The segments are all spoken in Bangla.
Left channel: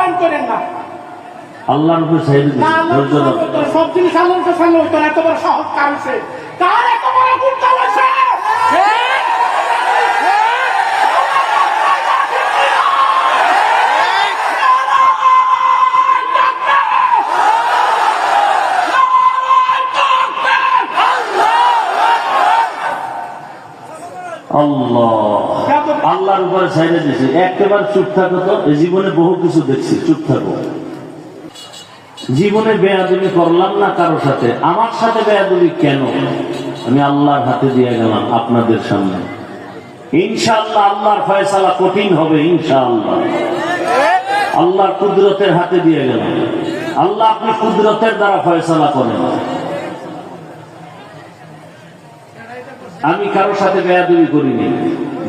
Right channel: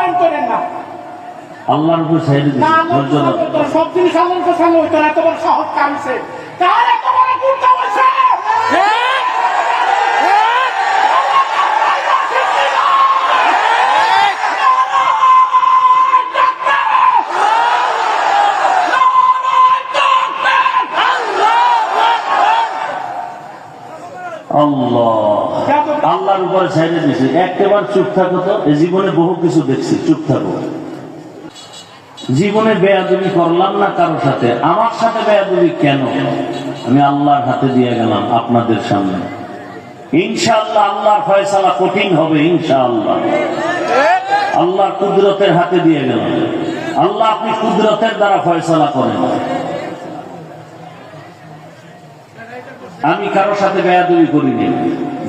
বয়ান করেন না। আল্লাহর উপর সাইডে না, সব জিনিস আল্লাহর সামনে হইতো না। এত বড় সাহস কার হইছে? কার এত বড় গুরুত্ব হয়েছে? আল্লাহর উপরে ছাইড়ে দিয়েছে। একেবারে চুপ থাকো তো, এই জীবনে বহু কিছু দেখছি, চুপ থাকো। জীবনে বেয়াদবি করলাম না কারো সাথে, আমার সাথে বেয়াদবি কেন? আমি আল্লাহর হাতে দিয়ে গেলাম আপনাদের সামনে। ইনশাআল্লাহ আল্লাহর ফয়সালা কঠিন হবে, ইনশাআল্লাহ আল্লাহর কুদরতের হাতে দিয়ে গেলাম। আল্লাহ আপনি কুদরতের দ্বারা ফয়সালা করেন। আমি কারোর সাথে বেয়াদবি করিনি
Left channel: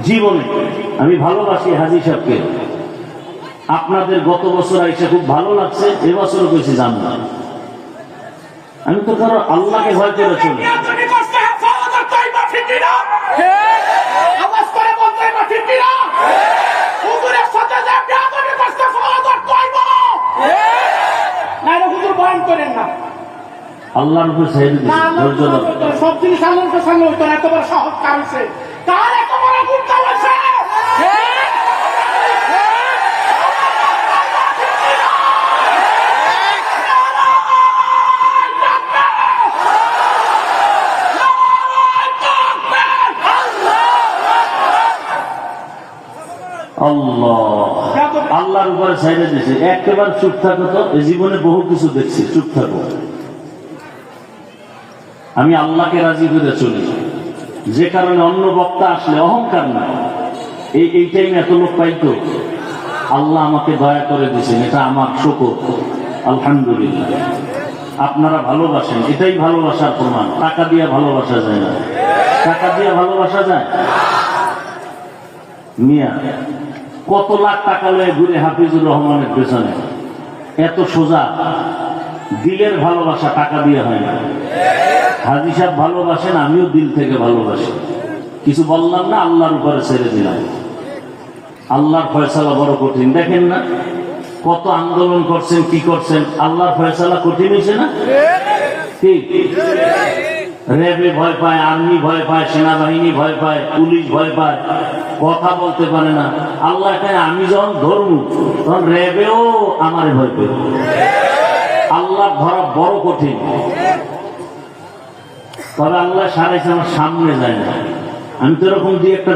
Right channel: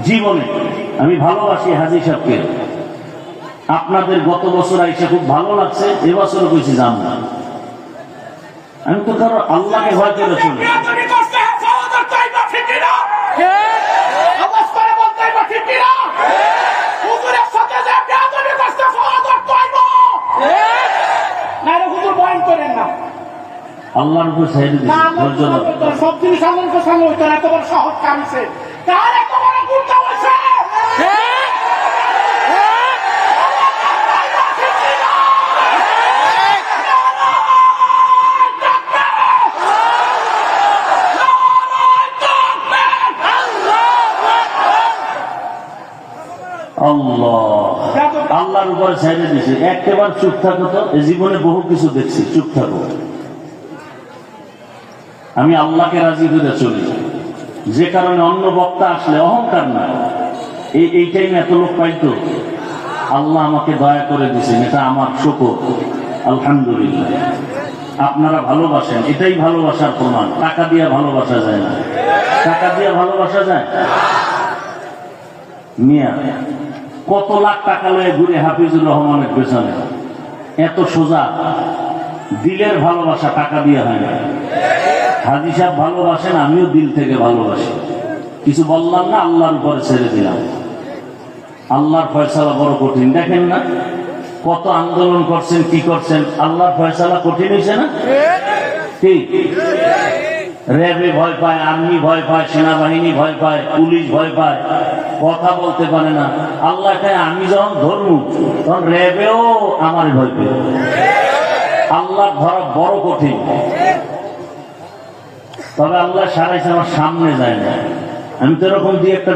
জীবনে। আমি ভালোবাসি হাজী সাহেবকে। আপনাদের গত বছর আইসা খুব ভালো লাগছে, এবছরও বেশি জান না। আমি তো কারো আল্লাহকে ভয় করে চলি। আল্লাহর উপর সাইড সব জিনিস আল্লাহর সামনে হইতো না। এত বড় সাহস কার হইছে? কার এত বড় গুরুত্ব হয়েছে? আল্লাহর উপরে ছাইড়ে দিয়েছে। একেবারে চুপ থাকো তো, এই জীবনে বহু কিছু দেখছি, চুপ থাকো। আমি আল্লাহকে রাজি করে চলি, যে কারণে অন্য বক্তা আসলে অহংকার না। এই টাইমে এত লোক পাইতো, আল্লাহ আমাকে দয়া করে দিয়েছেন, এটা আমার শুকর, আলহামদুলিল্লাহ। আপনারা ভালোবাসেন, এটাই ভালোবাসার প্রমাণ। টাকা দিয়ে ভালোবাসা যায় না। টাকা দিয়ে ভালোবাসা যায়? মিয়া কত লাখ টাকা লয়ে ঘুরে হাফিজুর রহমানের পেছনে, এত সোজা। দিলের ভালোবাসা টাকা দিয়ে হয় না। হাজী সাহেব ভালোবাসেন, আমিও দিল থেকে ভালোবাসি। কিছু বললাম না, আল্লাহর উপরে ছেড়ে দিলাম। আল্লাহর ফয়সালা বড় কঠিন। দেখেন না কত আন্দোলন করছেন, কি করছেন, আল্লাহর ফয়সালা কঠিন হয়েছে না? ঠিক। র্যাবে ভয় পায়, আর্মি ভয় পায়, সেনাবাহিনী ভয় পায়, পুলিশ ভয় পায়, কথা বলতে পারে না। আল্লাহ আমি যখন ধরবো তখন র্যাবেও আমার ভয় পেল। আল্লাহ ধরা বড় কঠিন। তবে আল্লাহ সারাইছে, আমার সামনে যায় না। আমি তো এরকম দিয়ে একটা